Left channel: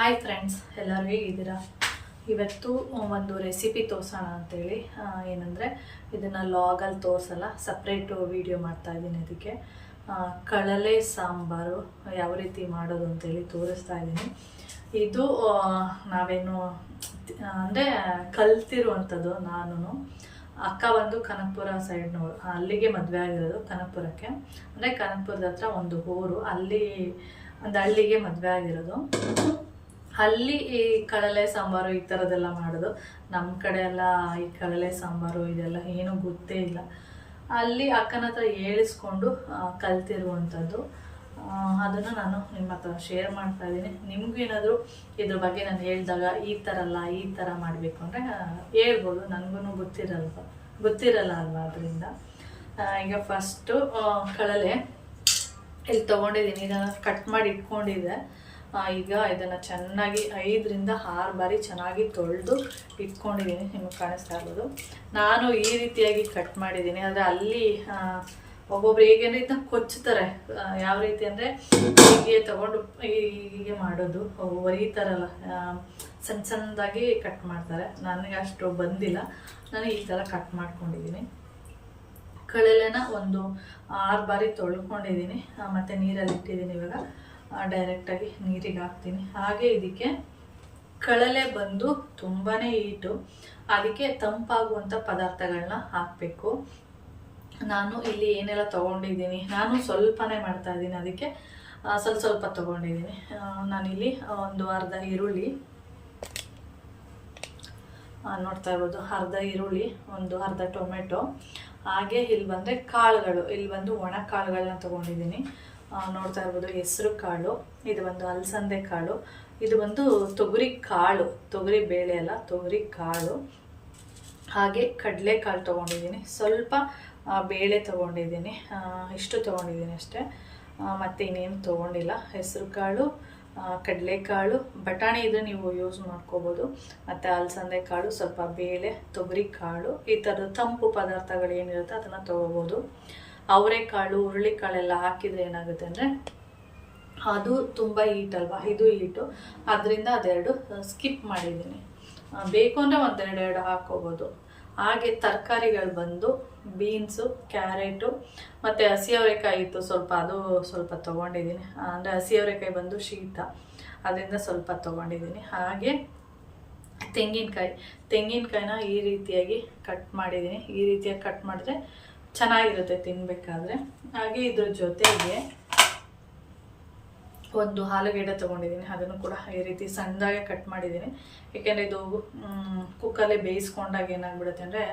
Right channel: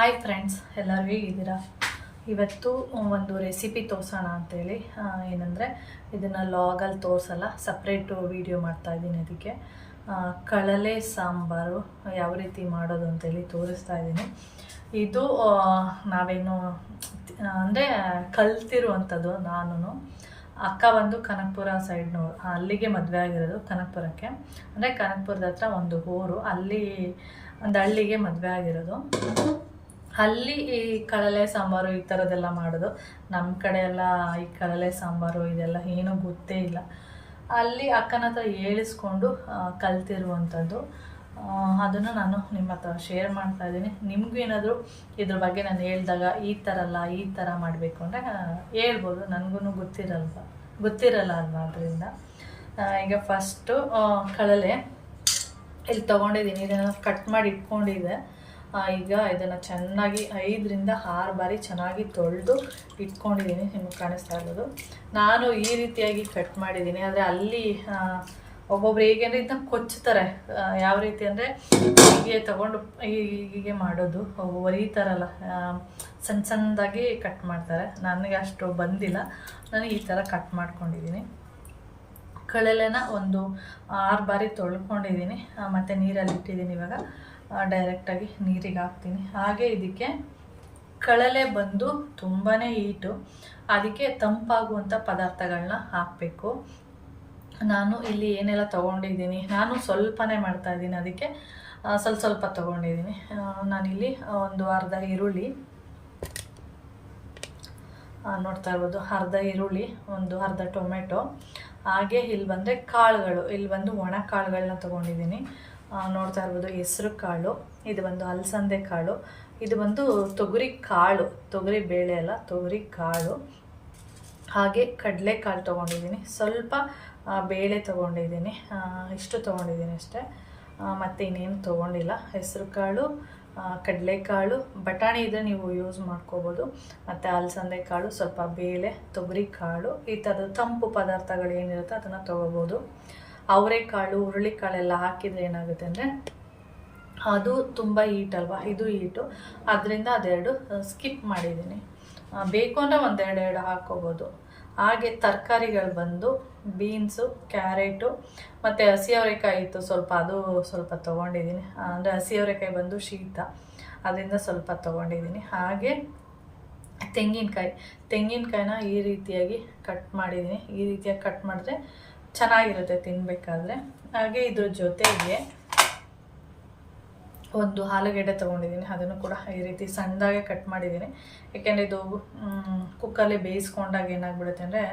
Hi friends, ಎಲ್ಲರೂ ಹೇಗಿದ್ದೀರಾ? ಇವತ್ತು ಒಂದು ರೆಸಿಪಿ ತೋರಿಸೋಣ ಅಂತೇಳಿ. ಏನಂದರೆ ಇದನ್ನು ಲಾಗಲ್ಲಿ ತೋರಿಸಲ್ಲ, ಸಪ್ರೇಟು ವೀಡಿಯೋ ಮಾಡ್ತಾಯಿದ್ದೀನಿ. ಅದಕ್ಕೆ ಕಳಲೆ ಸಾಂಬಾರು ಯಾವ ರೀತಿ ಮಾಡೋದು ಅಂತೇಳಿ ತೋರಿಸ್ತಾ ಇದ್ದೀನಿ. ಇದು ನಾವೇನು ಅಂದರೆ ಕಲ್ತಿರುವಂಥದ್ದು. ನಾನು ಅಕ್ಕ ಬಂದು ಕನಕಪುರ ಸೈಡ್ನವ್ರು, ಅಲ್ಲಿಗೆ ಮದುವೆ ಆಗಿರೋದು ಕನಕಪುರಕ್ಕೆ. ಅಂದರೆ ಕನಕಪುರದ ಹತ್ರ ಒಂದು ಊರು, ಅಲ್ಲಿ ಒಂದು ಹಳ್ಳಿಗೆ ಮದುವೆ ಆಗಿರೋದು. ಅಲ್ಲಿ ಈ ಕಳಲೆ ಸಾಂಬಾರು ಈ ಥರದ್ದೆಲ್ಲ ಮಾಡೋದು. ನಮ್ಮ ಕಡೆ ಎಲ್ಲ ಈ ಕಳಲೆ ಸಾಂಬಾರು ಇದೆಲ್ಲ ಏನೂ ಗೊತ್ತೇ ಇಲ್ಲ. ಅಲ್ಲಿ ಅಕ್ಕನ ಹತ್ರ ಹೇಳಿಸ್ಕೊಂಡು ಕಲ್ತಿರುವಂಥದ್ದು. ಅದನ್ನು ನಾನು ನಿಮ್ಮ ಹತ್ರ ಶೇರ್ ಮಾಡ್ತಾಯಿದ್ದೀನಿ. ನಿಮಗೂ ಏನಾದರೂ ಇದ್ರ ಬಗ್ಗೆ ನಾನು ಹೇಳಿದಾಗ ಈ ಥರ ಮಾಡಬೇಕು ಅಂದರೆ ಹೇಳ್ಬೋದು. ನನಗೂ ಗೊತ್ತಿರಲ್ಲ ಅಲ್ವಾ. ಅದರಿಂದ ಈಗ ಫಸ್ಟು ಕಳಲೆ ಇಲ್ಲಿ ತೊಗೊಂಡಿದ್ದೀನಿ. ಇದನ್ನು ಕಟ್ ಮಾಡಿ ಇಟ್ಕೊಂಡಿದ್ದೆ. ಈಗ ಇದನ್ನು ಚೆನ್ನಾಗಿ 5ರಿಂದ 6 ಬಾರಿ ಚೆನ್ನಾಗಿ ತೊಳೆದು ಇಟ್ಕೊಂಡಿದ್ದೀನಿ. ನಿಮಗೆ ಕಾಣಿಸ್ತಾ ಇರ್ಬೋದು. ನಾನು ಈ ರೀತಿಯಾಗಿ ಕಟ್ ಮಾಡಿದ್ದೀನಿ. ಆದರೆ ಅಲ್ಲಿ ಒಬ್ಬೊಬ್ರು ಹೇಗೆ ಅಂದರೆ ಇದನ್ನ ಕೊಚ್ಚುತ್ತಾರೆ. ಯಾವ ರೀತಿ ಅಂದರೆ ಹೀಗೆ ತಗೊಂಡು ಹೀಗೆ ಮಾಡೋದು, ಒರಿತಾರಲ್ಲ, ಸಣ್ಣದಾಗಿ ಕಟ್ ಮಾಡ್ತಾರೆ. ನನಗೆ ಅಷ್ಟು ಬಂದಿಲ್ಲ. ನಾನು ಈ ಥರ ಕಟ್ ಮಾಡ್ಕೊಂಡಿದ್ದೀನಿ. ಕಳಲೆನ ಒಂದು 6 ಬಾರಿ ತೊಳ್ಕೊಂಡಿದ್ದೀನಿ. ಮತ್ತು ನೀರಲ್ಲಿ ಇಟ್ಟಿದ್ದೀನಿ. ಇವಾಗ ಡೈರೆಕ್ಟಾಗಿ ನೀರಿಗೆ ಹಾಕ್ತೀನಿ. ಹಾಗೆ ಇದಕ್ಕೆ ಕಳಲೆ ಬಂದು ತುಂಬಾ ಹೀಟು, ಅದಕ್ಕೆ ತಂಪಾಗುವಂಥ ಪದಾರ್ಥಗಳನ್ನ ಹಾಕಬೇಕು. ನಾನು ಇಲ್ಲಿ ಏನೆಲ್ಲ ತೊಗೊಂಡಿದ್ದೀನಿ, ನಾನು ಸ್ವಲ್ಪನೇ ಮಾಡ್ತಾಯಿದ್ದೀನಿ. ಅದಕ್ಕೆ ಸ್ವಲ್ಪ ತೊಗೊಂಡಿದ್ದೀನಿ. ನಾನಿಲ್ಲಿ ಒಂದು ಅರ್ಧ ಈರುಳ್ಳಿ ನೋಡ್ತಾ ಇರ್ಬೋದು, ಅರ್ಧ ಈರುಳ್ಳಿ, ಒಂದು ಅರ್ಧ ಟೊಮೆಟೊ. ಹಾಗೆ ಇಲ್ಲಿ ಬಂದರೆ ಕಾಳುಗಳು, ಇಲ್ಲಿ ಬಂದು ಒಣ ಕಾಳುಗಳನ್ನ ತೊಗೊಂಡಿದ್ದೀನಿ. ನೋಡ್ತಾ ಇರ್ಬೋದು, ಹೆಸರು ಕಾಳು, ಇದು ಒಂದು ಅಲಸಂದೆ ಕಾಳು, ಇದು ಒಂದು ತೊಗರಿ ಕಾಳು, ತೊಗರಿ ಬೇಳೆ ಅಲ್ಲ, ತೊಗರಿ ಕಾಳು. ಹಾಗೆ ಕಡಲೆ ಕಾಳು ತೊಗೊಂಡಿದ್ದೀನಿ. ಸ್ವಲ್ಪ ಬೇಳೆ ತೊಗೊಂಡಿದ್ದೀನಿ. ಇಷ್ಟು ತೊಗೊಂಡಿದ್ದೀನಿ ಅಷ್ಟೇ, ಮತ್ತು ಇನ್ನೇನು ತೊಗೊಂಡಿಲ್ಲ. ಹೆಸರು ಕಾಳು, ಕಡಲೆಕಾಳು, ಬಟಾಣಿ ಇದ್ದರೆ ನೀವು ಯೂಸ್ ಮಾಡ್ಕೋಬೋದು. ಮತ್ತು ಅಲಸಂದೆ ಕಾಳು, ಸ್ವಲ್ಪ ಬೇಳೆ, ತೊಗರಿ ಕಾಳು, ಈ ಥರದ ತಂಪು ಪದಾರ್ಥಗಳು ಏನಿರುತ್ತೆ ಅದನ್ನು ತೊಗೋಬೋದು. ಅವರೆಕಾಳು, ಹುರುಳಿಕಾಳೆಲ್ಲ ಹಾಕಿದರೆ ಏನಾಗುತ್ತೆ ಅಂದರೆ ಅದು ತುಂಬ ಹೀಟ್ ಅಲ್ವಾ, ಇದು ಹೀಟು. ಅದರಿಂದ ಅದೆರಡು ಸ್ಕಿಪ್ ಮಾಡಿದ್ದೀನಿ. ಬೇಕು ಅಂದರೆ ಒಂದೆರಡು ಹಾಕ್ಕೋಬೋದು. ಹಾಗೆ ತರಕಾರಿಗಳು ಬಂದು ಬೀನ್ಸು, ಕ್ಯಾರೆಟು ಮತ್ತು ಹಸಿ ಅವರೆಕಾಯಿ ಇತ್ತು ಸ್ವಲ್ಪ, ಅದು ಸ್ವಲ್ಪ ತೊಗೊಂಡಿದ್ದೀನಿ. ಅಂದರೆ ಹಸಿ ಅವರೆಕಾಯಿ ಬಂದು ಶೀತ, ಅದರಿಂದ ಸ್ವಲ್ಪ ತೊಗೊಂಡಿದ್ದೀನಿ. ಹಾಗೆ ತೆಂಗಿನಕಾಯಿನ ಈ ರೀತಿಯಾಗಿ ಕಟ್ ಮಾಡಿದ್ದೀನಿ. ಈ ರೀತಿಯಾಗಿ ಕಟ್ ಮಾಡಿದ್ರೆ ಚೆನ್ನಾಗಿರುತ್ತೆ ತಿನ್ನಬೇಕಾದ್ರೆ. ಹಾಗೆ ಇದ್ರ ಜೊತೆಗೆ ಒಂದು ಆಲೂಗೆಡ್ಡೆ ತೊಗೊಂಡಿದ್ದೀನಿ. ಅದನ್ನು ಕೂಡ ಈ ರೀತಿ ಸಣ್ಣದಾಗೆ ಕಟ್ ಮಾಡಿದ್ದೀನಿ. ಏಕೆಂದರೆ ಇದು ಕುಕ್ಕರಲ್ಲಿ ಬೇಯಿಸ್ಕೊಂಡಾಗ ಏನಾಗ್ಬಿಡುತ್ತೆ ಅಂದರೆ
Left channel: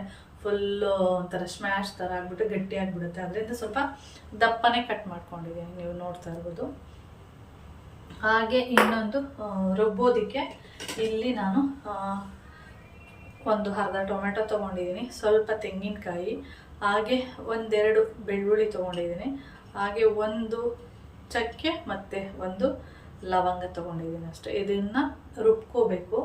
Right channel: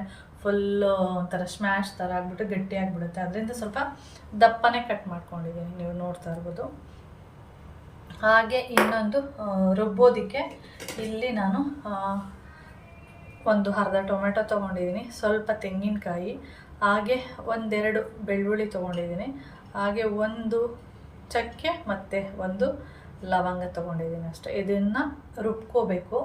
ಫುಲ್ಲು ಒಂಥರ ಸ್ಮ್ಯಾಶ್ ಥರ ಆಗಿಬಿಟ್ಟು ಗಟ್ಟಿ ಆಗಿಬಿಡುತ್ತೆ. ಅದರಿಂದ ಸ್ವಲ್ಪ ದಪ್ಪನೇ ಕಟ್ ಮಾಡ್ಕೊಂಡಿದ್ದೀನಿ, ನೀವು ನೋಡ್ತಾ ಇರ್ಬೋದು. ಹಾಗೆ ಇನ್ನೊಂದು ರುಬ್ಬೋದಕ್ಕೆ ಇಲ್ಲಿ ನಾನು ಒಂದು ಅರ್ಧ ಟೊಮೆಟೊ ತೊಗೊಂಡಿದ್ದೀನಿ, ಸ್ವಲ್ಪ ತೆಂಗಿನಕಾಯಿ, ಹಾಗೆ ಒಂದೆರಡು ಬೆಳ್ಳುಳ್ಳಿ ತೊಗೊಂಡಿದ್ದೀನಿ. ಹಾಗೆ ಒಂದು ಚಕ್ಕೆ ಮತ್ತು ಒಂದು ಲವಂಗ ತೊಗೊಂಡಿದ್ದೀನಿ ಅಷ್ಟೇ. ಇದನ್ನು ರುಬ್ಕೋಬೇಕು.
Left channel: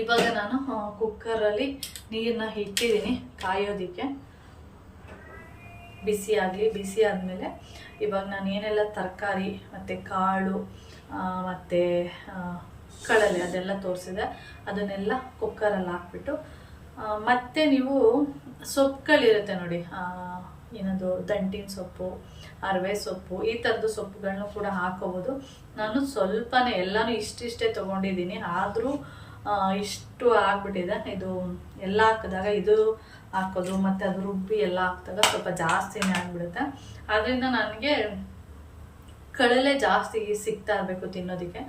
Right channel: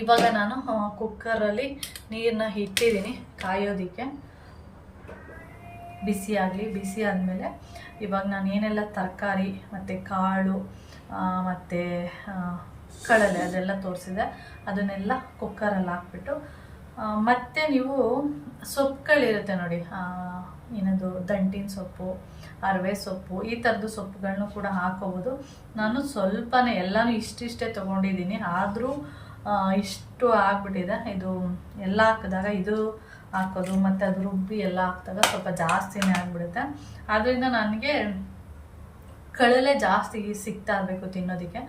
ಇವಾಗ ನಾನು ಕುಕ್ಕರಲ್ಲಿ ನೀರನ್ನ ಇಟ್ಟಿದ್ದೀನಿ ಕಾಯೋದಕ್ಕೆ, ಬಿಸಿ ಆಗಲಿ. ಬಿಸಿ ಆದಮೇಲೆ ಇವಾಗ ನಾನು ಏನೆಲ್ಲ ತರಕಾರಿ ಮತ್ತು ಕಾಳು ಮತ್ತು ಕಳಲೆ ಅದೆಲ್ಲ ತೋರಿಸಿದೆ, ಅದನ್ನೆಲ್ಲ ಕುಕ್ಕರಲ್ಲಿ ಹಾಕ್ಬಿಟ್ಟು, ಮತ್ತು ನೀವು ಸೊಪ್ಪುಗಳಿರುತ್ತೆ ನೋಡಿ, ಏನದು ದಂಟಿನ ಸೊಪ್ಪು, ಅರವೆ ಸೊಪ್ಪು, ಈ ಥರದ್ದು ಸೊಪ್ಪುಗಳನ್ನೂ ಕೂಡ ಹಾಕೋಬೋದು. ನಾನು ಸ್ವಲ್ಪನೇ, ಎಲ್ಲನೂ ಇಷ್ಟಿಷ್ಟೇ ತೊಗೊಂಡಿದ್ದೀನಿ. ಆದರೂ ಇಷ್ಟು ಆಗಿಬಿಟ್ಟಿದೆ. ಇದು ಎಲ್ಲ ಹಾಕಿದಾಗ ಇದು ಹಾಕೋದು ಮತ್ತು ಅದು ರುಬ್ಬಿ ಎಲ್ಲ ಹಾಕಿದಾಗ ಸ್ವಲ್ಪ ಜಾಸ್ತಿನೇ ಆಗಿಬಿಡುತ್ತೆ. ಆದ್ದರಿಂದ ನನಗೆ ಕಳಲೆ ಜಾಸ್ತಿ ಸಿಗ್ತಾ ಇರಬೇಕು ತಿನ್ನೋದಕ್ಕೆ.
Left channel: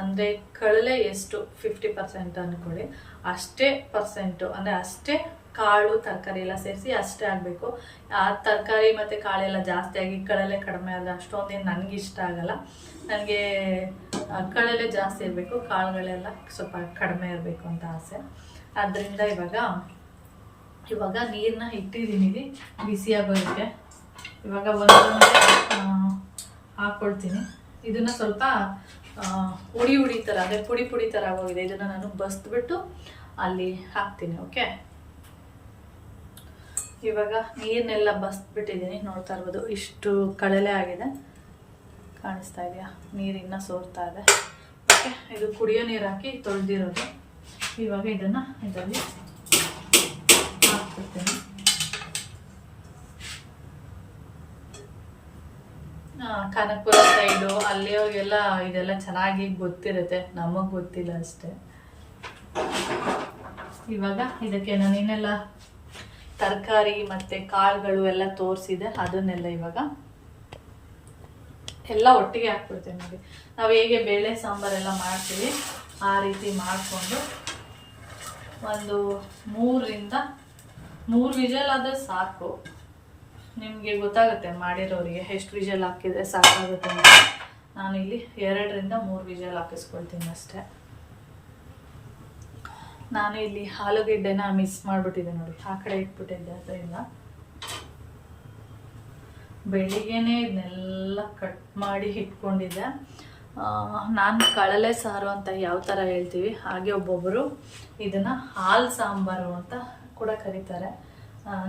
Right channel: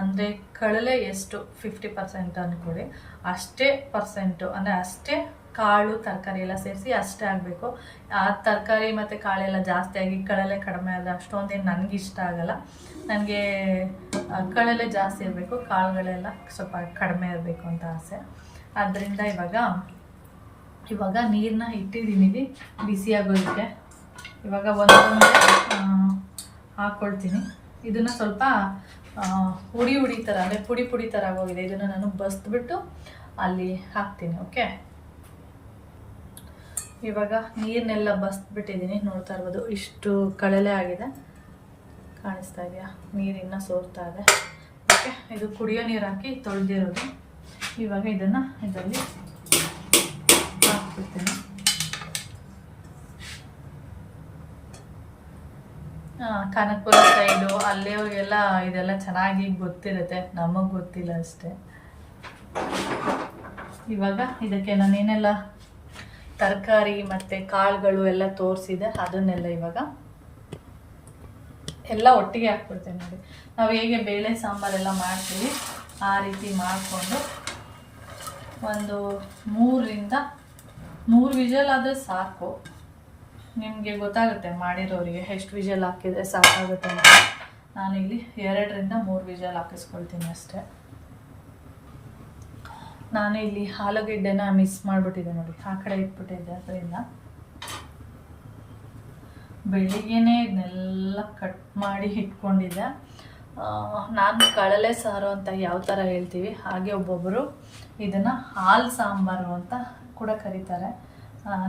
ಅಂದರೆ ಕಳಲೆ ಎಷ್ಟು 50% ಅಂದ್ಕೊಳ್ಳಿ, ಅಷ್ಟೇ ಪರ್ಸೆಂಟು, ಅಂದರೆ ಅಷ್ಟೇ ಕಾಳು ತರಕಾರಿ ಎಲ್ಲ ಸೇರಿಸಿ ಅಷ್ಟೇ ಆಗಬೇಕು. ಆ ತರಕಾರಿ ಮತ್ತು ಕಾಳೆಲ್ಲ ಜಾಸ್ತಿ ಆಗಿ ಕಳಲೆ ಕಡಿಮೆ ಆದರೆ ಅಷ್ಟೊಂದೇನು ನನಗಿಷ್ಟ ಆಗಲ್ಲ. ನನಗೆ ಕಳಲೆ ಜಾಸ್ತಿ ಇರಬೇಕು, ಕಾಳುಗಳೆಲ್ಲ ಸ್ವಲ್ಪ ಕಡಿಮೆ ಇರಬೇಕು ಅಂತ ಆಸೆ. ಆದ್ದರಿಂದ ಇವಾಗ ನೀರನ್ನ ಇಟ್ಟಿದ್ದೀನಿ ಬಿಸಿಯಾಗೋದಕ್ಕೆ. ಇವಾಗ ಒಂದೊಂದೇ ಹಾಕ್ಕೊಳ್ತೀನಿ. ಇದನ್ನು ಸ್ವಲ್ಪ ಹುಡಿ ಥರ, ಅಂದರೆ ಪುಡಿ ಥರ ಆಗೋಗಿದೆ. ಇದನ್ನು ನಾನು ಬಸ್ಬಿಟ್ಟು ಅಲ್ಲಿ ಹಾಕ್ತೀನಿ. ಓಕೆ, ಇವಾಗ ನೀರನ್ನೆಲ್ಲ ಬಸ್ಬಿಟ್ಟಿದ್ದೀನಿ. ನೋಡ್ತಾ ಇರ್ಬೋದು, ಇಷ್ಟು ಕಳಲೆ ಆಗಿದೆ, ಕಾಣಿಸ್ತಾ ಇದೆಯಾ? ನೀರಿನ್ನ ಸೋರ್ತಾ ಇದೆ. ಇದು ಕುಡಿಯೋ ನೀರು ಹಾಕಿ ತೊಳೆದಿರೋದು. ಇವಾಗ ಇದನ್ನು ಇದರಲ್ಲಿ ಹಾಕ್ಬಿಡ್ತೇನೆ. ಕನಕಪುರ ಸೈಡು ಅಲ್ಲಿಯವ್ರಿಗೆಲ್ಲ ಇದೆಲ್ಲ ಚೆನ್ನಾಗಿ ಗೊತ್ತಿರುತ್ತೆ, ನಮಗೆ ಗೊತ್ತಿಲ್ಲ ಅಷ್ಟೇ. ಇವಾಗ ಇದಕ್ಕೆ ನಾನೇನೆಲ್ಲ ತರಕಾರಿ ಮತ್ತು ಕಾಳುಗಳು ಎಲ್ಲ ತೋರಿಸಿದೆ ಅದನ್ನೆಲ್ಲ ಇವಾಗ ಎಲ್ಲ ಒಟ್ಟಿಗೆ ಹಾಕ್ಬಿಡ್ತೇನೆ. ನೋಡಿ, ನಾವು ಹೇಗೆ ಬೇಳೆ ಸಾಂಬಾರೆಲ್ಲ ಮಾಡ್ತೀವಿ ಆ ರೀತಿ ಮಾಡಿಕೊಂಡು ಒಂದು 3 ವಿಷಲ್ ಆದರೆ ಸಾಕು. ನಿಮಗೆ ಗೊತ್ತಾಗುತ್ತೆ ಮಾಡಿರೋರಿಗೆ ಎಷ್ಟು ವಿಷಲ್ ಹಾಕಿದರೆ ಸಾಕಾಗುತ್ತೆ ಅಂತ. ನಾನಿಲ್ಲಿ 2ರಿಂದ 3 ವಿಷಲ್ ಹಾಕಿಸ್ಕೊಳ್ತೀನಿ ಅಷ್ಟೇ. ನಾನು ಇಲ್ಲಿ ಆಲೂಗೆಡ್ಡೆನ ಮಿಸ್ ಮಾಡಿಬಿಟ್ಟಿದ್ದೆ ನೋಡಿ, ಆ ಕಡೆ ಇಟ್ಬಿಟ್ಟಿದ್ದೆ. ಅದರಿಂದ ಬೆಳಿಗ್ಗೆನೇ ಇದನ್ನೆಲ್ಲ ಕಟ್ ಮಾಡಿ ಇಟ್ಕೊಂಡಿದ್ದೆ. ನಾನು ಕಳಲೆ ಸಾರು ಅಂತ ಯಾವ ಥರ ಹೇಳ್ತೀವಿ ಹಾಗೆ ಒಬ್ಬೊಬ್ಬರು ಇದನ್ನು ಹಾಲು ಸಾಂಬಾರು ಅಂತ ಕೂಡ ಕರೀತಾರೆ.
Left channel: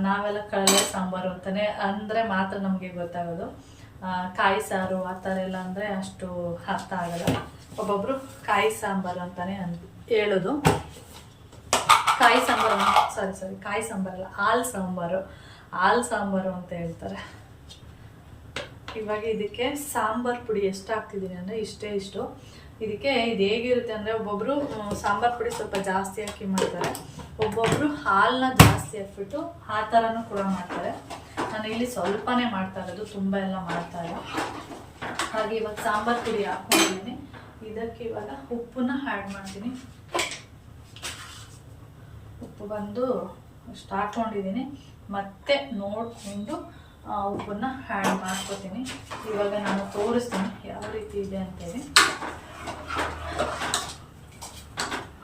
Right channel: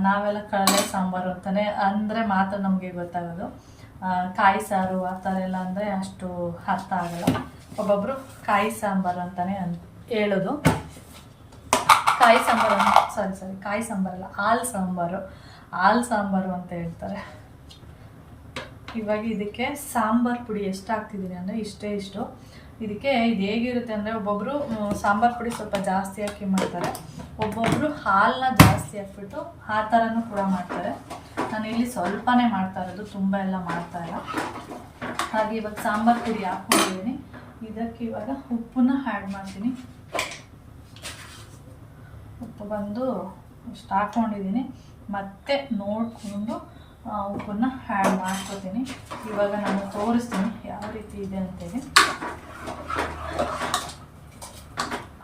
ನಾವೆಲ್ಲ ಕಳಲೆ ಸಾಂಬಾರು ಅಂತಲೇ ಅಂದರೆ ಮಾತ್ರ ನಮಗೆ ಗೊತ್ತಾಗೋದು. ಕಾಯಿ ಸಾರು ಆ ಥರ ಎಲ್ಲ ಅಂದರೆ ಅಷ್ಟು ಅರ್ಥ ಆಗಲ್ಲ. ಒಬ್ಬೊಬ್ಬರು ಕಾಯಿ ಸಾಂಬಾರು ಅಂತಲೇ ಹೇಳೋದು. ಕಾಯಿ ಸಾಂಬಾರು ಕಾಯಿ ಸಾಂಬಾರಲ್ಲ, ಹಾಲು ಸಾಂಬಾರು ಅಂತ ಹೇಳ್ತಾರೆ. ಇವಾಗ ಇದಕ್ಕೆ ಸಾಂಬಾರು ಪುಡಿ ಎಷ್ಟು ಹಾಕ್ತಿದ್ದೀನಿ ಅಂದರೆ ಇಷ್ಟು. ಇದಕ್ಕೆ ಇದು ಹೇಗಿರುತ್ತೆ ಅಂದರೆ ಒಬ್ಬೊಬ್ಬರು ಸಾಂಬಾರು ಪುಡಿ ಸ್ವಲ್ಪ ಜಾಸ್ತಿ ಹಾಕಿ ಮಾಡ್ತಾರೆ, ಒಬ್ಬೊಬ್ಬರು ಹಾಲನ್ನ ಜಾಸ್ತಿ ಹಾಕ್ಬಿಟ್ಟು ಆ ಥರನೂ ಕೂಡ ಮಾಡ್ತಾರೆ. ನಾನು ಇಲ್ಲಿ ಸ್ವಲ್ಪನೇ ಮಾಡ್ತಾ ಇರೋದು, ತುಂಬ ಎಲ್ಲ ಮಾಡ್ತಾ ಇಲ್ಲ. ಹಾಗೆ ಇವಾಗ ಸಾಂಬಾರು ಪುಡಿ ಹಾಕ್ಕೊಂಡಿದ್ದೀನಿ. ಇದಕ್ಕೆ ಇವಾಗ ಉಪ್ಪನ್ನ ಆ್ಯಡ್ ಮಾಡ್ತೀನಿ. ಉಪ್ಪು ಬಂದು ಇಷ್ಟು ಹಾಕ್ಕೊಂಡಿದ್ದೀನಿ, ಮತ್ತೆ ನೋಡಿಕೊಂಡು ಉಪ್ಪನ್ನು ಆ್ಯಡ್ ಮಾಡ್ಕೊತೀನಿ. ಇವಾಗ ನಾನು ತೋರಿಸ್ತೀನಿ ಯಾವ ರೀತಿ ಇದೆ ಅಂತೇಳಿ.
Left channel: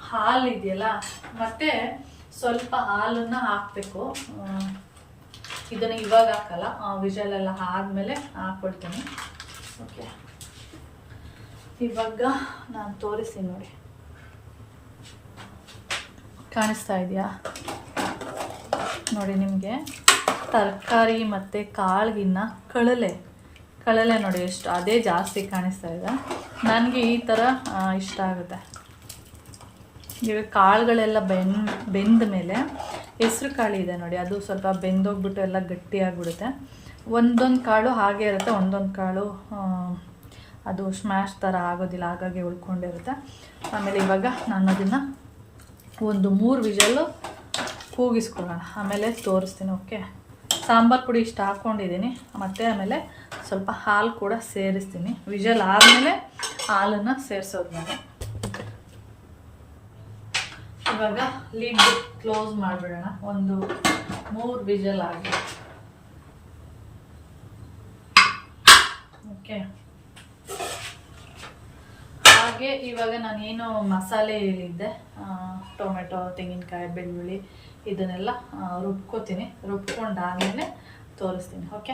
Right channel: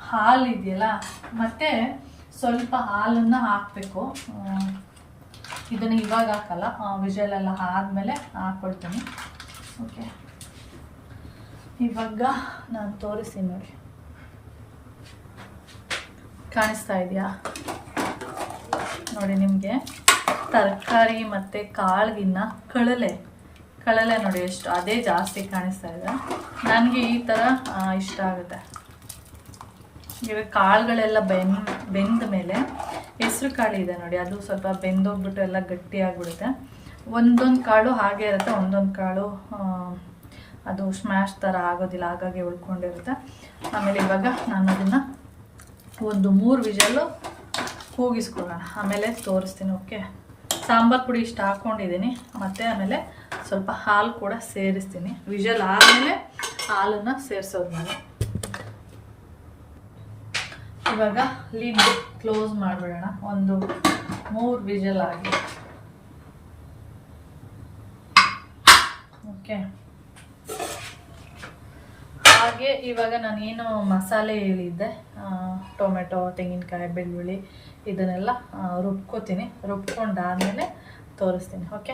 ಹಾಲು ಇದೆಯಲ್ಲ, ಮತ್ತೆ ಸ್ವಲ್ಪ ಹಾಲನ್ನು ಹಾಕಬೇಕು. ಇದನ್ನು ಇವಾಗ ಹಾಕಲ್ಲ, ವಿಷಲೆಲ್ಲ ಆದಮೇಲೆ ಹಾಕ್ಕೊಳ್ತೀನಿ. ಓಕೆ, ಇವಾಗ ನಾನು ತೋರಿಸ್ತೀನಿ ನೋಡಿ, ಕಾಣಿಸ್ತಾ ಇದೆಯಾ ನೋಡಿ ನಿಮಗೆ. ತರಕಾರಿ ಮತ್ತು ಕಾಳಿಗಿನ್ನ ಕಳಲೆ ನೋಡಿ ಎಷ್ಟು ಅದೇ ಜಾಸ್ತಿ ಕಾಣಿಸ್ತಾ ಇದೆ. ನನಗೆ ಈ ಥರ ಇಷ್ಟ ಆಗುತ್ತೆ. ಇವಾಗ ಕಾಳುಗಳೆಲ್ಲ ಬೆಂದ ಮೇಲೆ ಹೆಸ್ರು ಕಾಳು ಇದೆ ನೋಡಿ, ಅದು ಸ್ವಲ್ಪ ಬೆಂದೋಗ್ಬಿಟ್ಟು ಎಲ್ಲ ಗಟ್ಟಿಯಾಗ್ಬಿಡುತ್ತೆ. ಒಂದೊಂದು ಕಾಳು ಹಾಗೆ ಇರುತ್ತೆ, ಒಂದೊಂದು ಕಾಳು ಅದು ಸ್ಮ್ಯಾಶ್ ಥರ ಆಗೋದಿಲ್ಲ, ಹಾಗಾಗಿ ಉಳ್ಕೊಂಡಿರುತ್ತೆ. ಆಮೇಲೆ ಇವಾಗ ನಾನು ಅದನ್ನು ಒಂದು 3 ವಿಷಲ್ಲು ಕೂಗಿಸ್ಕೊಳ್ಳೋಣ, ಆಮೇಲೆ ತೋರಿಸ್ತೀನಿ. ಓಕೆ, ಸಾಂಬಾರು ಪುಡಿ ಇಷ್ಟು ಹಾಕ್ಕೊಂಡಿದ್ದೀನಿ, ಮತ್ತು ಆಮೇಲೆ ಸ್ವಲ್ಪ ಹಾಲು ಕೂಡ ಸೇರಿಸ್ತೀನಿ. ವಿಷಲ್ ಆದಮೇಲೆ ಹಾಲನ್ನು ಸೇರಿಸೋದು ನಾನು. ಇವಾಗ ಲಿಡ್ ಕ್ಲೋಸ್ ಮಾಡಿಬಿಡೋಣ, ಒಂದು 3 ವಿಷಲ್ ಆಗಿ. ಓಕೆ, ಹಾಗೆ ಇವಾಗ ನಾನೇನು ಮಸಾಲೆ ಹೇಳಿದ್ದೆ, ಟೊಮೆಟೊ, ತೆಂಗಿನಕಾಯಿ, ಬೆಳ್ಳುಳ್ಳಿ ಇದನ್ನೆಲ್ಲ ರುಬ್ಕೋತೀನಿ. ರುಬ್ಕೊಂಡಾದಮೇಲೆ ತೋರಿಸ್ತೀನಿ. ಓಕೆ,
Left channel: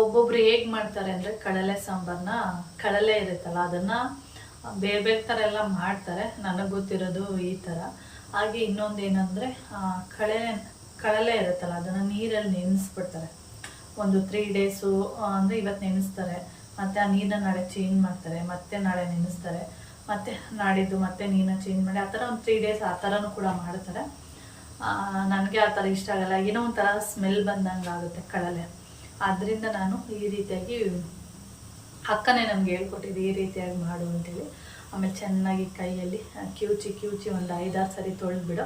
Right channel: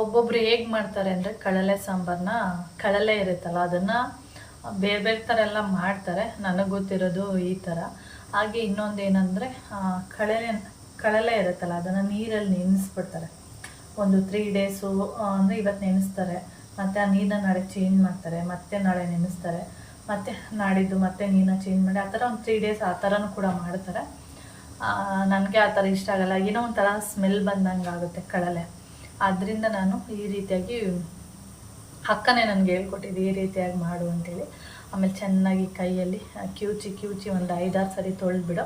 ಒಬ್ಬೊಬ್ರು ಹೇಗೆ ಮಾಡ್ತಾರೆ ಅಂದರೆ ಕಡಲೆ ಸಾಂಬಾರನ್ನ, ಕಡಲೆ ಇರುತ್ತಲ್ಲ ಅದನ್ನು ಬೇರೆ ಥರ ಎಲ್ಲ ಮಾಡ್ತಾರೆ. ನನಗೆ ಗೊತ್ತಿರೋದು ಈ ಥರ. ಹಾಗೆ ಇನ್ನೊಂದು ಏನಂದರೆ ಕಡಲೆ ಇರುತ್ತಲ್ಲ ಅದನ್ನು ನೀರಲ್ಲಿ ನೆನೆಸ್ಬಿಡ್ತಾರೆ. ಒಂದು 3 ಡೇಸು ಅಂದರೆ ಇವತ್ತು ನೆನೆಸ್ತಾರೆ, ಮತ್ತು ಆ ನೀರನ್ನ ನಾಳೆ ಚೇಂಜ್ ಮಾಡ್ತಾರೆ, ಮತ್ತೆ ನಾಳೆ ನೆನೆಸ್ತಾರೆ, ಮತ್ತು ನಾಡಿದ್ದು ಮತ್ತೆ ನೀರನ್ನ ಚೇಂಜ್ ಮಾಡಿ ಆ ಥರ ಒಂದು 3 ಡೇಸ್ ಆ ಥರನೂ ಕೂಡ ಮಾಡ್ತಾರೆ. ನನಗೆ ಆ ಥರ ಇಷ್ಟ ಆಗಲ್ಲ, ಏನೋ ಒಂಥರ ಸ್ಮೆಲ್ ಬಂದಂಗೆ ಆಗುತ್ತೆ ಕಡಲೆ. ಆದ್ದರಿಂದ ನಾನು ಈ ರೀತಿಯಾಗಿ ಅಕ್ಕನೇ ನನಗೆ ಹೇಳ್ಕೊಟ್ಟಿದ್ದು ಈ ರೀತಿಯಾಗಿ ಮಾಡು ಅಂತೇಳಿ. ಆಮೇಲೆ ಚೆನ್ನಾಗಿ ಕೈಯಲ್ಲಿ ಕಿವುಚಿ ಒಂದು 5-6 ಸರಿ ತೊಳೆದ್ಬಿಡು.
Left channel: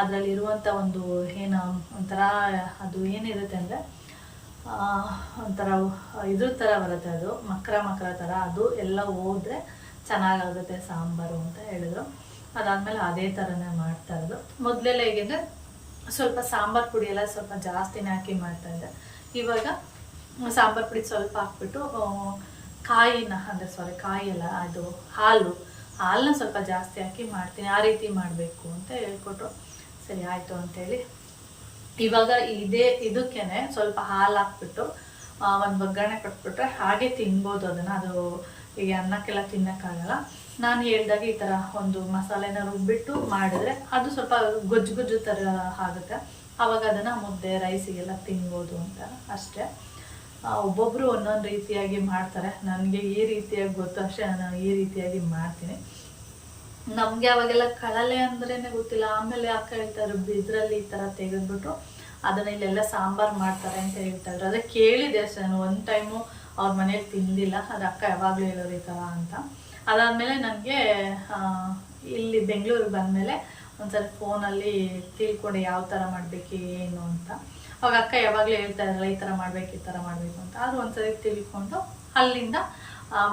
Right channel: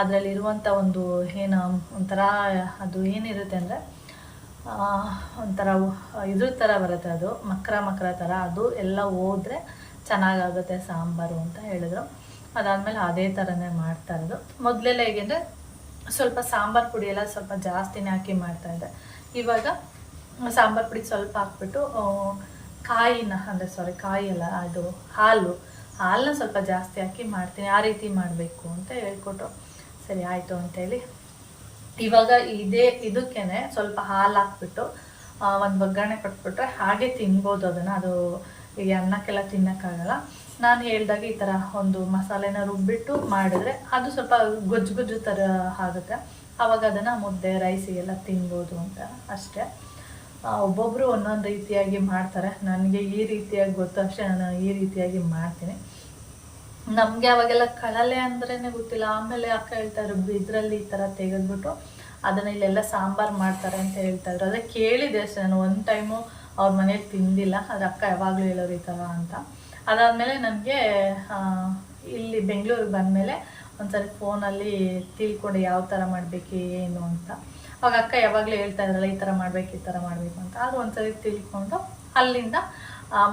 ಅದರಲ್ಲಿರುವಂಥ ಒಂದು ಏನು ಒಂಥರ ಅದು ಏನಿರುತ್ತೆ ಅಂದರೆ ಒಂಥರ ಇದ್ರ ಥರ ಬರುತ್ತೆ, ಅದು ಮಕ್ರ ಥರ, ಅದು ಎಲ್ಲ ಹೋದರೆ ಚೆನ್ನಾಗಾಗುತ್ತೆ ಸಾಂಬಾರು ಅಂತ ಹೇಳಿದ್ರು. ಅದಾದಮೇಲೆ ಅದೇ ಥರನೇ ಮಾಡ್ತಾ ಇರೋದು. ಮೊದಲೆಲ್ಲ ಹೇಗೆಂದರೆ ಸ್ವಲ್ಪ ಸಾಂಬಾರು ಪುಡಿ ಎಲ್ಲ ಸ್ವಲ್ಪ ಜಾಸ್ತಿನೇ ಹಾಕಿ ಮಾಡ್ತಾಯಿದ್ದೆ. ಇವಾಗ ಸಾಂಬಾರು ಪುಡಿ ಸ್ವಲ್ಪ ಹಾಕ್ಬಿಟ್ಟು ಕಾಯಿಲ್ಲ ಅದು ಹಾಲನ್ನ ಸ್ವಲ್ಪ ಜಾಸ್ತಿ ಹಾಕಿ ಮಾಡ್ತೀನಿ. ಆ ರೀತಿ ಮಾಡಬೇಕು ಅಂತ ಹೇಳ್ಕೊಟ್ರು. ಸರಿ ಆಯಿತು ಅಂತೇಳಿ ಇವಾಗ ಇದಕ್ಕೇ ಸ್ವಲ್ಪ ಹಾಲು ಹಾಕ್ಬಿಟ್ಟು ಒಂದು ಒಗ್ಗರಣೆ ಕೊಟ್ಬಿಟ್ರೆ ಹಾಗೆ ತಿನ್ಬೋದು ಅದನ್ನು. ಅದು ಈಗ ಅನ್ನಕ್ಕೆಲ್ಲ ತಿನ್ನೋಕ್ಕಾಗಲ್ಲ. ನಾನು ಹೇಳ್ದಾಗ ಈ ಥರ ಒಂದು ಮಸಾಲೆನ ರುಬ್ಬಿಟ್ಟು ಮಾಡಿದ್ರೆ ಅದು ಸ್ವಲ್ಪ ಗೊಜ್ಜು ಥರ ಆಗುತ್ತೆ. ಆವಾಗ ಅದನ್ನು ಮುದ್ದೆ ರೈಸಿಗೆಲ್ಲ ತಿನ್ಬೋದು ಅಂತ ಅಷ್ಟೇ. ಒಬ್ಬೊಬ್ಬರು ಒಂದೊಂದು ರೀತಿಯಾಗಿ ಮಾಡ್ತಾರೆ. ನನಗೆ ಈ ರೀತಿಯಾಗಿ ಗೊತ್ತು ಅಷ್ಟೇ, ನಾನು ಈ ರೀತಿಯಾಗಿ ಮಾಡ್ತೀನಿ. ನಮಗೆ ಅವಾಗೆಲ್ಲ ಕಳಲೆ ಅಂದ್ರೇ ಗೊತ್ತಿಲ್ಲ. ಆಮೇಲೆ ಅಕ್ಕ ಹೇಳ್ತಾರೆ ಇದರಲ್ಲಿ ಈ ಥರ ತೆಗೆದ್ಬಿಟ್ಟು ಅದನ್ನು ಇಲ್ಲೆಲ್ಲ ಸಾಂಬಾರು ಮಾಡ್ತಾರೆ ಅಂತ ಹೇಳ್ತಾಯಿದ್ರು. ಅದೇ ಕೇಳಿದೆ ಅಷ್ಟೇ, ನಾನು ಒಂದು ಟೈಮು ಅವ್ರ ಮನೇಲಿ ತಿಂದಿಲ್ಲ. ಅದು ಅಕ್ಕ ಯಾವಾಗಲೂ ಹೇಳೋರು ಈ ಥರ ಅಂತ. ಅದಾದಮೇಲೆ ನನಗೆ ಇಲ್ಲಿ ಬೆಂಗಳೂರಿಗೆ ಬಂದಮೇಲೆ ಒಂದ್ಸರಿ ಫೋನಲ್ಲಿ ತಿಳ್ಕೊಂಡು ಯಾವ ಥರ ಮಾಡಬೇಕು ಏನು ಅಂತ. ಅವಾಗ ಅಕ್ಕ ಯಾವಾಗಲೂ ಹೇಳ್ತಾ ಇದ್ರಲ್ಲ ಈ ಥರ ಮಾಡಬೇಕು ಈ ಥರ ಮಾಡಬೇಕು ಅಂತ. ಅದು ಒಂದ್ಸರಿ ತಿಳ್ಕೊಂಡು ಅಲ್ಲಿಂದ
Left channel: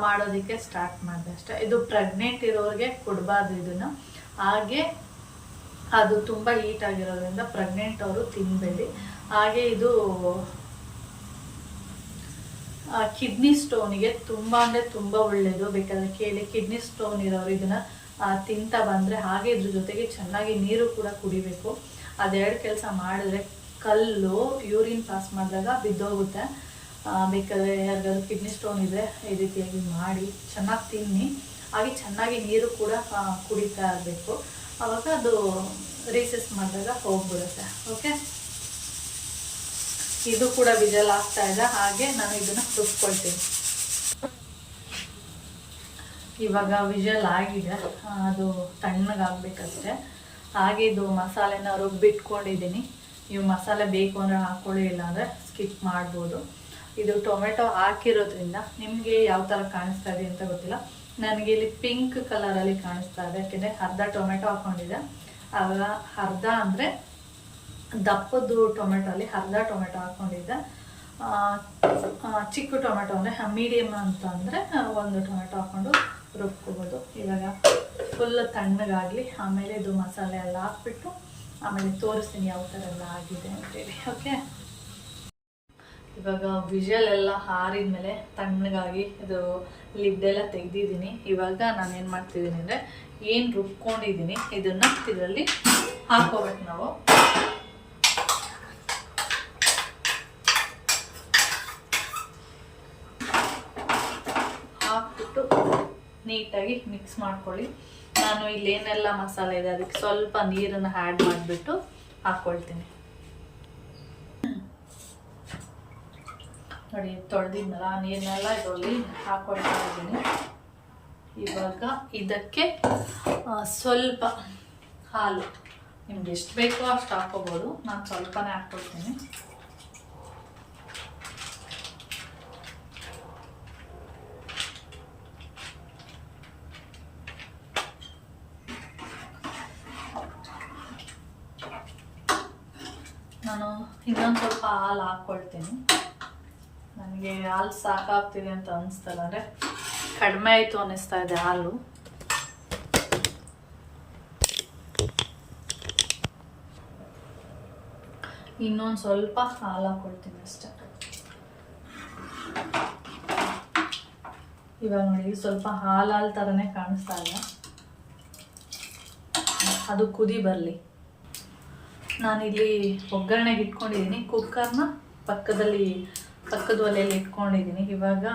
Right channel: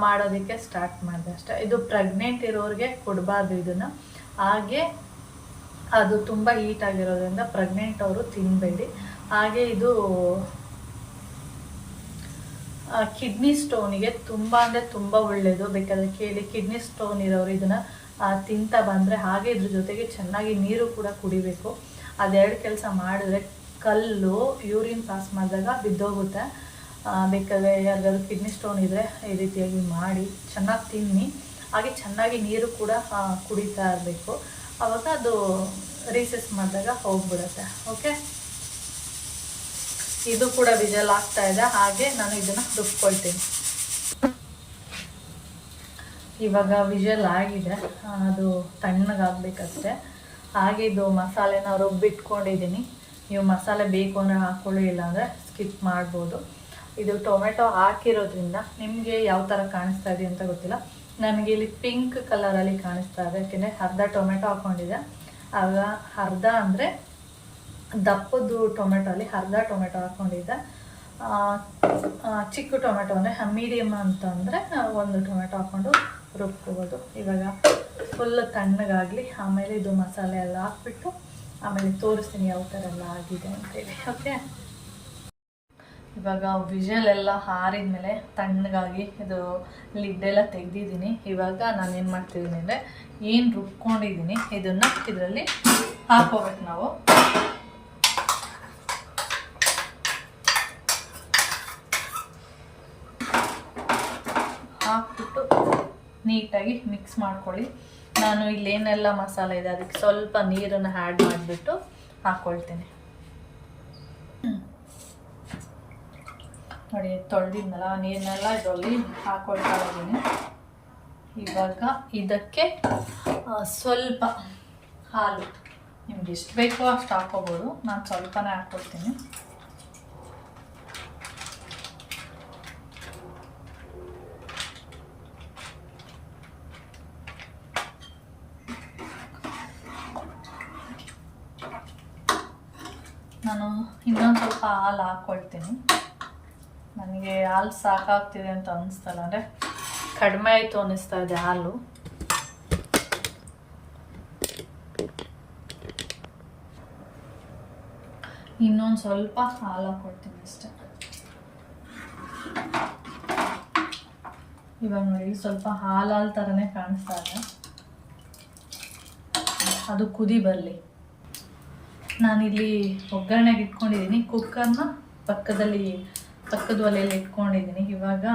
ಮಾಡೋದಕ್ಕೆ ಸ್ಟಾರ್ಟ್ ಮಾಡಿದೆ ಅಷ್ಟೇ. ಇದು ಪ್ರೆಗ್ನೆಂಟ್ ಇರೋರಿಗೆ ಕೊಡಬಾರ್ದು ಇದನ್ನು. ಹಾಗೆ ಅದು ತುಂಬ ಹೀಟ್ ಆಗಿರೋದ್ರಿಂದ ಪ್ರೆಗ್ನೆಂಟ್ ಅವರು ತಿನ್ನಬೇಡಿ. ಹಾಗೆ ಇದು ಕಿಡ್ನಿ ಸ್ಟೋನಿಗೆ ತುಂಬ ಅಂದರೆ ತುಂಬ ಒಳ್ಳೆಯದು. ಬೇಕಾದರೆ ಕೇಳಿ, ಕಿಡ್ನಿ ಸ್ಟೋನ್ ಇರೋರು ಇದನ್ನು ತಿಂತಾ ಬಂದರೆ, ಹಾಗೆ ಇದ್ರ ಜೊತೆಗೆ ಚೆನ್ನಾಗಿ ನೀರು ಕೂಡ ಕುಡಿಬೇಕು. ಅದೆರಡು ಕೆಲಸ ಮಾಡಿದ್ರೆ ಕಲ್ಲು ಯೂರಿನ್ ಪಾಸ್ ಮಾಡಿದಾಗ ಬಿದ್ದೋಗುತ್ತೆ. ಬೇಕಾದರೆ ಯಾರಿಗಾದ್ರೂ ಕಿಡ್ನಿ ಸ್ಟೋನ್ ಇದ್ದರೆ ಈ ರೀತಿಯಾಗಿ ಮಾಡಿ ಚೆನ್ನಾಗಿ ತಿನ್ನಿ. ಹಾಗೆ ಚೆನ್ನಾಗಿ ನೀರು ಕೂಡ ಕುಡಿತಾ ಇರಬೇಕು. ಆವಾಗ ಅದು ರೀಸೆಸ್ ಮಾಡಿದಾಗ ಹೋಗ್ಬಿಡುತ್ತೆ. ಓಕೆ, ಇದು ಕೂಡ ವಿಜಲ್ ಆಗ್ತಾ ಇದೆ. ಹಾಗೆ ನಾನು ಇದನ್ನು ರುಬ್ಕೊಳ್ತೀನಿ. ಇವಾಗ ವಿಜಲ್ ಆಗಿದೆ, ಅದು ತಣ್ಣಗಾಗಬೇಕಷ್ಟೆ. ಹಾಗೆ ಇದು ಮಸಾಲೆನ ರುಬ್ಬಿಟ್ಕೊಂಡಿದ್ದೀನಿ. ನೀವು ಮಸಾಲೆ ಬೇಕು ಅಂದರೆ ಹಾಕ್ಕೊಳ್ಳಿ, ಇಲ್ಲಾಂದರೆ ಸ್ಕಿಪ್ ಮಾಡ್ಬೋದು. ಇದು ಟೊಮೆಟೊ ಹಾಕಿರೋದ್ರಿಂದ ನಿಮಗೆ ಯಾವ ಥರ ಕಾಣಿಸ್ತಾ ಇದೆ ಅಂತ ಗೊತ್ತಿಲ್ಲ. ನನಗೆ ಇಲ್ಲಿ ಪಿಂಕ್ ಕಲರಲ್ಲಿ ಕಾಣಿಸ್ತಾ ಇದೆ, ಯಾಕೆಂದರೆ ಅರ್ಧ ಟೊಮೆಟೊ ಹಾಕ್ಕೊಂಡಿದೆ. ಆಗ ಅರ್ಧ ಅಂದರೆ ದಪ್ಪದ್ದು ಟೊಮೆಟೊ ಅಲ್ಲಿ ಅರ್ಧ ಟೊಮೆಟೊ ಹಾಕ್ಕೊಂಡಿದ್ದೆ. ಚಿಕ್ಕ ಟೊಮೆಟೊ ಅಂದರೆ ಮೀಡಿಯಮ್ ಅಂತ ಅಂದರೆ ಒಂದು ಟೊಮೆಟೊ ಹಾಕ್ಕೊಂಡು ರುಬ್ಕೋಬೋದು. ಇವಾಗ ಫುಲ್ ತಣ್ಣಗಾಗಲಿ, ಆಮೇಲೆ ಇದು ಮಸಾಲೆ ಎಲ್ಲ ಹಾಕ್ಬಿಟ್ಟು ಆಮೇಲೆ ತೋರಿಸ್ತೀನಿ ಯಾವ ಥರ ಎಲ್ಲ ಆಗಿದೆ ಅಂತೇಳಿ. ಓಕೆ, ಇವಾಗ ವಿಜಲ್ ಎಲ್ಲ ಆರಿದ್ಮೇಲೆ ತಣ್ಣಗಾಗಿ ಇದು ಲಿಡ್ಡೆಲ್ಲ ತೆಗೆದಿದ್ದೀನಿ. ಇವಾಗ ನಾನು ಏನು ಮಾಡ್ತಿದ್ದೀನಿ ಅಂದರೆ, ಏನು ರುಬ್ಕೊಂಡಿದ್ದೀನಿ ಇದನ್ನು ಇದರಲ್ಲಿ ಹಾಕೋಬೇಕು. ನಾವು ಹಾಕ್ಬಿಟ್ಟು ನೀಟಾಗಿ ಮಿಕ್ಸ್ ಮಾಡ್ಕೊಳ್ಳಿ. ನಾನು ಇಲ್ಲೇನೆಲ್ಲ ಮಸಾಲೆ ಇದೆ ಅದಕ್ಕೆ ಸ್ವಲ್ಪ ನೀರನ್ನು ಆ್ಯಡ್ ಮಾಡಿಬಿಟ್ಟು ಹಾಕ್ಕೊಳ್ತೀನಿ. ನೋಡಿ, ತೊಳೆದಿದ್ನಲ್ಲ ನೀರನ್ನೆಲ್ಲ ಇದರಲ್ಲಿ ಹಾಕ್ಕೊಳ್ತಾ ಇದ್ದೀನಿ. ಇವಾಗ ಇದಕ್ಕೆ ಸ್ವಲ್ಪ ಹಾಲು, ನಿಮ್ಗೆ ಎಷ್ಟು ಬೇಕೋ ಅಷ್ಟು ಹಾಕ್ಕೋಬೋದು. ನಾನು ಸ್ವಲ್ಪನೇ ಹಾಕ್ಕೊಳ್ತೀನಿ. ನಾನು ಇನ್ನೊಂದು ಸ್ವಲ್ಪ ಹಾಲು ಹಾಕ್ಕೊಳ್ತೀನಿ. ನನಗೆ ಹಾಲು ಸಾಕಾಗ್ತಿದೆ ಅಂತ ಅನ್ನಿಸ್ತಲ್ಲ, ಅಂದರೆ ಕಡಿಮೆ ಆಯಿತು ಅನ್ನಿಸ್ತಾ ಇದೆ ಹಾಲು. ಇನ್ನೊಂದು ಸ್ವಲ್ಪ ಹಾಲು ಹಾಕ್ಕೊಳ್ತೀನಿ ಅಷ್ಟೆ. ಇವಾಗ ನೋಡಿ, ಸ್ವಲ್ಪ ಹಾಲು ಥರನೇ ಕಾಣಿಸ್ತಾ ಇದೆ. ಅದು ಕುದಿ ಬರಲಿ. ನಾನಿಲ್ಲಿ ಒಗ್ಗರಣೆಗೆ ಇಟ್ಕೊಂಡಿದ್ದೀನಿ. ಕುಕ್ಕರ್ನ ಪಕ್ಕದ ಒಲೆಯಲ್ಲಿ ಇಟ್ಕೊಂಡಿದ್ದೀನಿ. ಇವಾಗ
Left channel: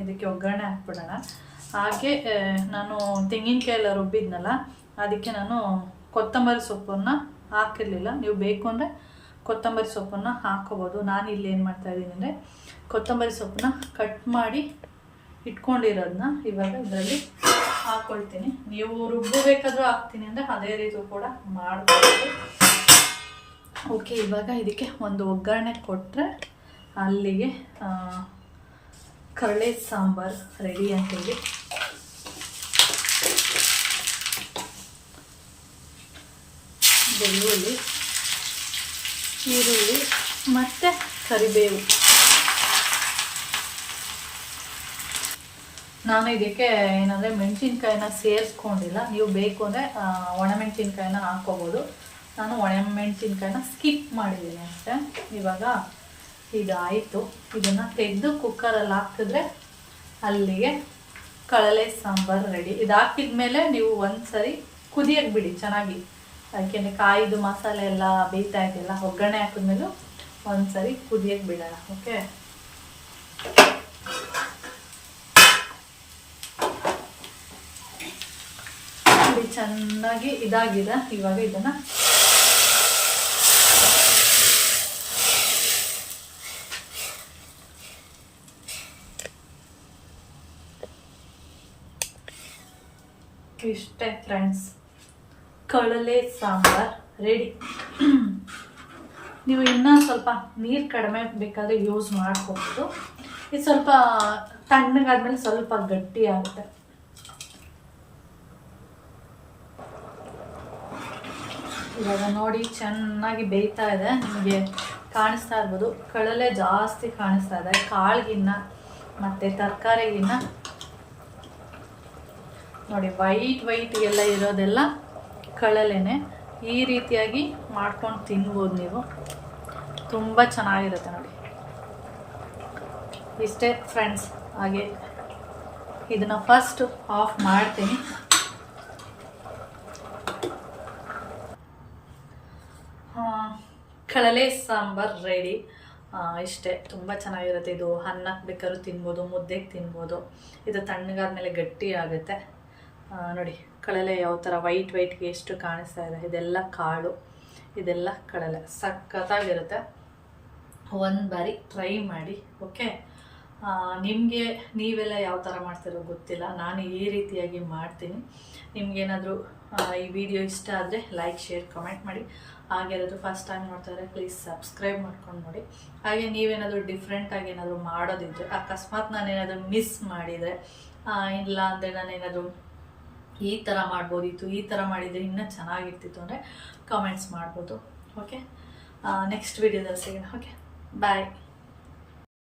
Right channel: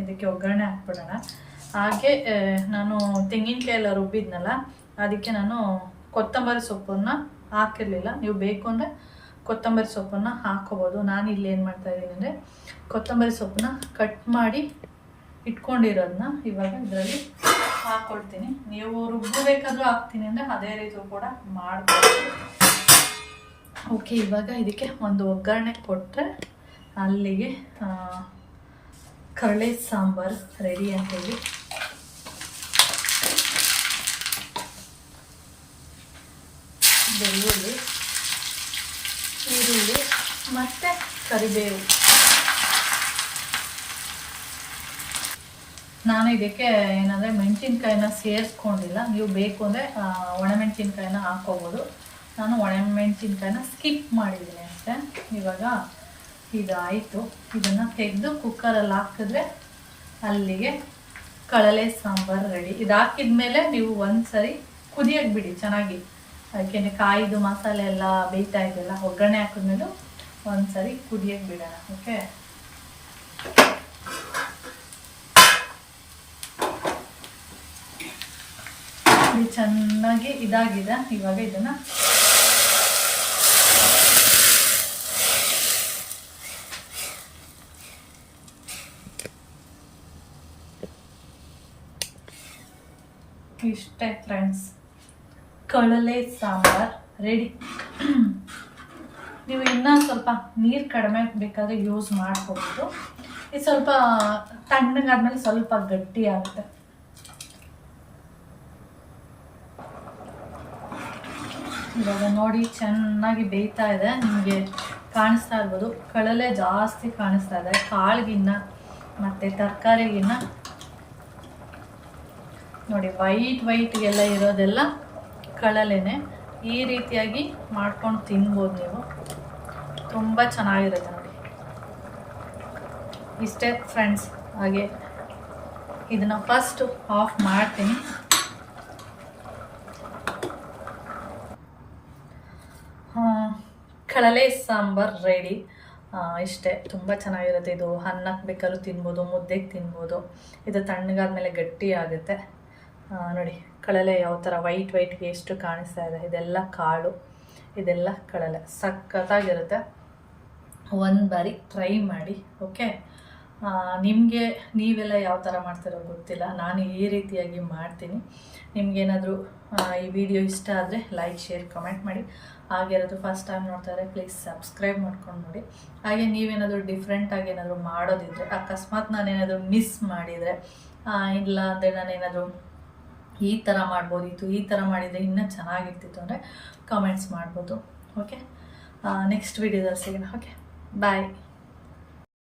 ಇದಕ್ಕೆ ಒಗ್ಗರಣೆ ಹಾಕ್ಬಿಡೋಣ. ಹಾಗೆ ನಾನು ತೆಂಗಿನಕಾಯಿ ಎಲ್ಲ ರುಬ್ಬಿದ್ನಲ್ಲ, ಅದಕ್ಕೆ ನಾನು ಕೊತ್ತಂಬರಿ ಸೊಪ್ಪನ್ನು ಹಾಕಿರಲಿಲ್ಲ. ನೀವು ಬೇಕು ಅಂದರೆ ಕೊತ್ತಂಬರಿ ಸೊಪ್ಪನ್ನು ಹಾಕ್ಕೋಬೋದು. ನಾನು ಇಲ್ಲಿ ಏನು ಮಾಡ್ತಾಯಿದ್ದೀನಿ ಅಂದರೆ, ಕೊತ್ತಂಬರಿ ಸೊಪ್ಪನ್ನ ಕಟ್ ಮಾಡಿ ಇಟ್ಕೊಂಡಿರೋದನ್ನ ಇವಾಗ ಇದರಲ್ಲಿ ಹಾಕ್ಕೊಳ್ತೀನಿ. ನೀವು ರುಬ್ಬಬೇಕಾದ್ರೂ ಹಾಕ್ತೀನಿ ಅಂದರೆ ಅದೇ ರೀತಿ ಕೂಡ ಮಾಡ್ಬೋದು. ಓಕೆ, ಇವಾಗ ಇದಕ್ಕೆ ಒಂದು ಒಗ್ಗರಣೆ ಕೊಟ್ಟರೆ ಅಲ್ಲಿಗೆ ಕಡಲೆ ಸಾಂಬಾರು ರೆಡಿ ಅಂತೇಳಿ. ಬೆಳ್ಳುಳ್ಳಿ, ಈರುಳ್ಳಿ ಮತ್ತು ಕರಿಬೇವು. ನಾನು ಇದಕ್ಕೆ ಏನಂದರೆ ಮೆಣಸಿನ್ಕಾಯಿನ ಸೇರಿಸ್ಕೊಂಡಿಲ್ಲ. ನೀವು ಬೇಕು ಅಂದರೆ ಒಣಮೆಣಸಿನ್ಕಾಯಿನ ಹಾಕ್ಕೋಬೋದು. ನಾನು ಒಣಮೆಣಸಿನ್ಕಾಯಿನ ಸ್ಕಿಪ್ ಮಾಡಿದ್ದೀನಿ ಅಷ್ಟೇ. ಇವಾಗ ಇದಾಯಿತು. ಇದನ್ನು ತೆಗೆದು ಕುಕ್ಕರಲ್ಲಿ ಹಾಕಿದ್ರೆ ಅಲ್ಲಿಗೆ ಕಡಲೆ ಸಾಂಬಾರು ರೆಡಿ. ಇದು ಹಾಕಿದ ಮೇಲೆ ನೀವು ಒಂದ್ಸರಿ ಕುದಿಯಕ್ಕೆ ಬಿಡಿ ಚೆನ್ನಾಗಿ. ಯಾಕೆಂದರೆ ಕಾಯಿದು ಮಸಾಲೆ ಎಲ್ಲ ಬೇಯ್ತಾ ಇದೆಯಲ್ಲ, ಒಗ್ಗರಣೆ ಹಾಕಿದ್ಮೇಲೆ ಒಂದ್ಸರಿ ಕುದಿಯಕ್ಕೆ ಬಿಡೋಣ. ಓಕೆ, ಚೆನ್ನಾಗಿ ಇದಾಗಿದೆ. ಇವಾಗ ಇದನ್ನು ಇಷ್ಟೇ ಫ್ರೆಂಡ್ಸ್, ಕಳಲೆ ಸಾಂಬಾರ್ ರೆಡಿ. ನೀವು ಇನ್ನೂ ಸ್ವಲ್ಪ ನೀರು ಕಡಿಮೆ ಬೇಕಾದರೆ ಯೂಸ್ ಮಾಡ್ಕೋಬೋದು. ಇದು ಸ್ವಲ್ಪ ತಣ್ಣಗಾದ್ಮೇಲೆ ಸ್ವಲ್ಪ ಗಟ್ಟಿ ಆಗುತ್ತೆ. ಇವಾಗ ನೋಡಿ ಚೆನ್ನಾಗಿ ಬೇಯ್ತಾ ಇದೆ. ನಿಮಗೆ ಕಾಣಿಸ್ತಾ ಇರ್ಬೋದು, ಕಳಲೆ ಜಾಸ್ತಿ ಕಾಣಿಸ್ತಾ ಇದೆ ಕಾಳಿಗಿನ್ನ ಮತ್ತು ತರಕಾರಿಗಿನ್ನ. ನೋಡಿ ವೈಟ್ ಎಲ್ಲ ಇರೋದೆಲ್ಲ ಕಳಲೆನೆ. ಈ ರೀತಿಯಾಗಿ ಮಾಡ್ಕೊಂಡು ತಿನ್ಬೋದು ನೀವು, ತುಂಬ ಚೆನ್ನಾಗಿರುತ್ತೆ ನೋಡಿ. ಇಷ್ಟೇ ಫ್ರೆಂಡ್ಸ್. ಹಾಗೆ ಇದನ್ನು ಫಸ್ಟ್ ಆಫ್ ಮಾಡ್ತೀನಿ. ಕಳಲೆ ಸಾಂಬಾರ್ ರೆಡಿ. ಇಷ್ಟೇ, ತುಂಬ ಚೆನ್ನಾಗಿರುತ್ತೆ. ಇದು ಅನ್ನಕ್ಕೆ ಬೇಕಾದ್ರೂ ತಿನ್ಬೋದು, ಮುದ್ದೆಗೆ ತಿನ್ಬೋದು. ಇದು ತಣ್ಣಗಾದ್ಮೇಲೆ ಗಟ್ಟಿ ಆಗುತ್ತೆ. ನೋಡಿ ಕಳಲೆ ಯಾವ ಥರ ವೈಟ್ಗೆ ಎಷ್ಟು ಕಾಣಿಸ್ತಾ ಇದೆ. ಇದೆಲ್ಲ ಕಾಳು, ಇದೆಲ್ಲ ಕಳಲೆ. ಸಖತ್ತಾಗಿರುತ್ತೆ. ಒಂದು ಬಾರಿ ಟ್ರೈ ಮಾಡಿ. ಓಕೆ, ನಿಮಗೆ ನೀವೆಲ್ಲ ಯಾವ ಥರ ಮಾಡ್ತಿರೋ ಗೊತ್ತಿಲ್ಲ, ನಾನು ಈ ರೀತಿಯಾಗಿ ಮಾಡ್ತೀನಿ. ನಿಮಗೇನಾದರೂ ಈ ವಿಡಿಯೋ ಇಷ್ಟ ಆದರೆ ಲೈಕ್, ಶೇರ್, ಕಮೆಂಟ್ ಮಾಡಿ. ಹಾಗೆ ಇರೋದು ಫಸ್ಟ್ ಟೈಮ್ ನೋಡ್ತಾ ಇದ್ದರೆ ಪ್ಲೀಸ್ ಸಬ್ಸ್ಕ್ರೈಬ್ ಮಾಡ್ಕೊಂಡು ನೋಡಿ. ಹಾಗೆ ನೀವೇನಾದರೂ ಡಿಫ್ರೆಂಟಾಗಿ ಏನಾದರೂ ಮಾಡೋದಿದ್ರೆ, ಅಕಸ್ಮಾತ್ ನಾನೇನಾದರೂ ಮಿಸ್ ಮಾಡಿದರೆ, ಇಲ್ಲ ಅಂದರೆ ನಾನೇನಾದರೂ ಈ ಥರ ಮಾಡ್ಬೋದಿತ್ತು, ಈ ಥರ ಮಾಡಿದರೆ ಇನ್ನೂ ಚೆನ್ನಾಗಿರ್ತಿತ್ತು ಅಂದರೆ ಕಮೆಂಟ್ಸ್ ಮಾಡ್ಬೋದು. ಓಕೆ, ನೆಕ್ಸ್ಟ್ ವಿಡಿಯೋದಲ್ಲಿ ಸಿಗೋಣ. ಓಕೆ, ಬಾಯ್.